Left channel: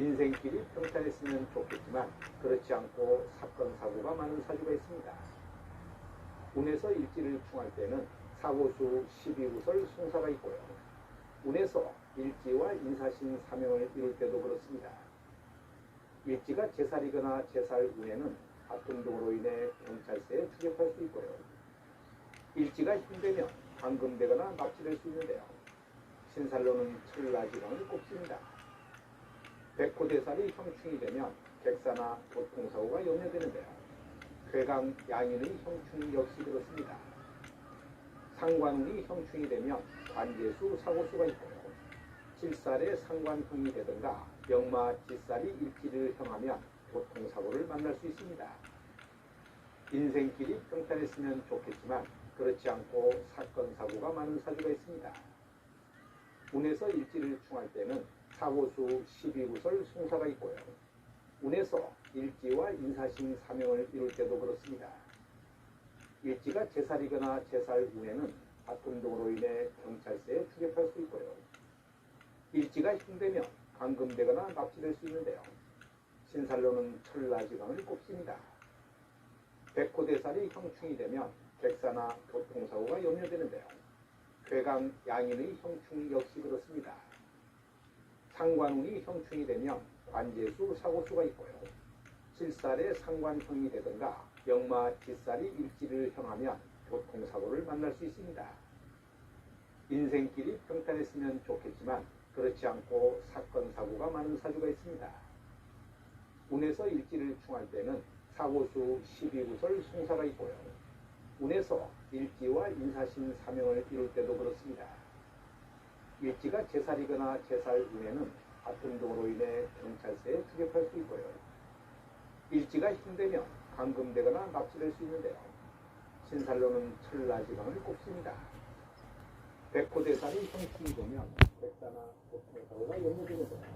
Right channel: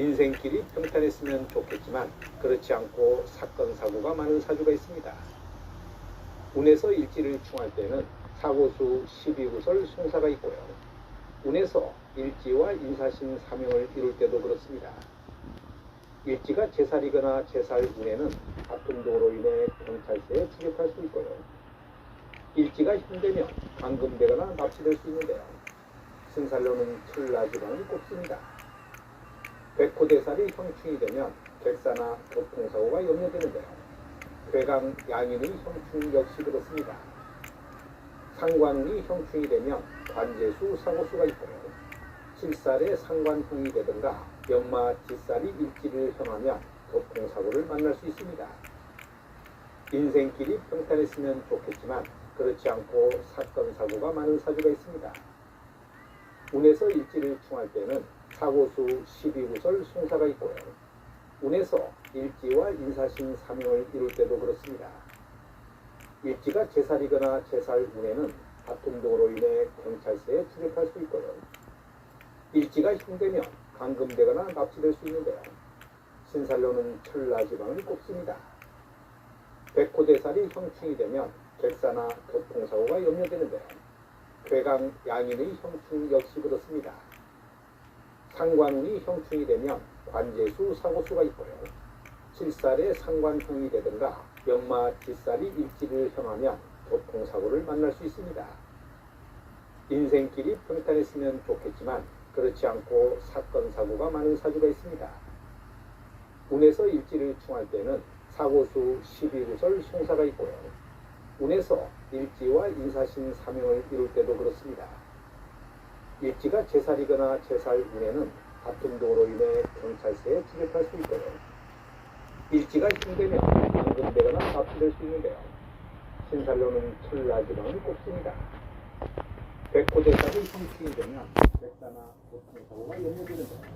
인생길이 평탄했으면 좋겠지만 그렇지 않고 사건 사고가 많은 사주가 있습니다. 운에서 일지를 충할 때는 사고수 12구설 송사가 있고요. 운에서 일지와 인사신 사명을 이룰 때도 그렇습니다. 일지가 제살이거나 제살 운에는 다툼동으로 인해 경찰서에 추격할 수 있고요. 일지가 힘들면 감금되거나 납치될 수 있는데요. 신살로는 철라지방을 꼽습니다. 백호대살이 형충이 되면 객사나 교통사고가 염려되는데요. 괴강 양인의 형충 역시 그렇습니다. 상관운이 형충이 되면 관제수 사고수가 있고요. 칠살에 상관형이 되든가 역마 뒷살이 일지를 형하면 교통사고를 만날 수 있습니다. 인생길이 평탄했으면 좋겠지만 그렇지 않고 사건 사고가 많은 사주가 있습니다. 운에서 일지를 충할 사고수 12구설 송사가 있고요. 운에서 일지와 인사신 사명을 이룰 때도 그렇습니다. 일지가 제살이거나 제살 운에는 등으로 인해 경찰서에 추격할 수 있고요. 일지가 형되면 감금되거나 납치될 수 있는데요. 신살로는 철라지방을 꼽습니다. 백호대살이 형충이 되면 객사나 교통사고가 염려되는데요. 괴강 양인의 형충 역시 그렇습니다. 상관운이 형충이 되면 관제수 사고수가 있고요. 칠살에 상관형이 되든가 역마 뒷살이 일지를 형하면 교통사고를 만날 수 있습니다. 인생길이 평탄했으면 좋겠지만 그렇지 않고 사건 사고가 많은 사주가 있습니다. 운에서 일지를 충할 때는 사고수 12구설 송사가 있고요. 운에서 일지와 인사신 사명을 이룰 때도 그렇습니다. 일지가 제살이거나 제살 운에는 다툼 등으로 인해 경찰서에 추격할 수 있고요. 일지가 힘되면 감금되거나 납치될 수 있는데요. 신살로는 철라지방을 꼽습니다. 백호대사를 형충이 되면 백사나 교통사고가 염려되는데요.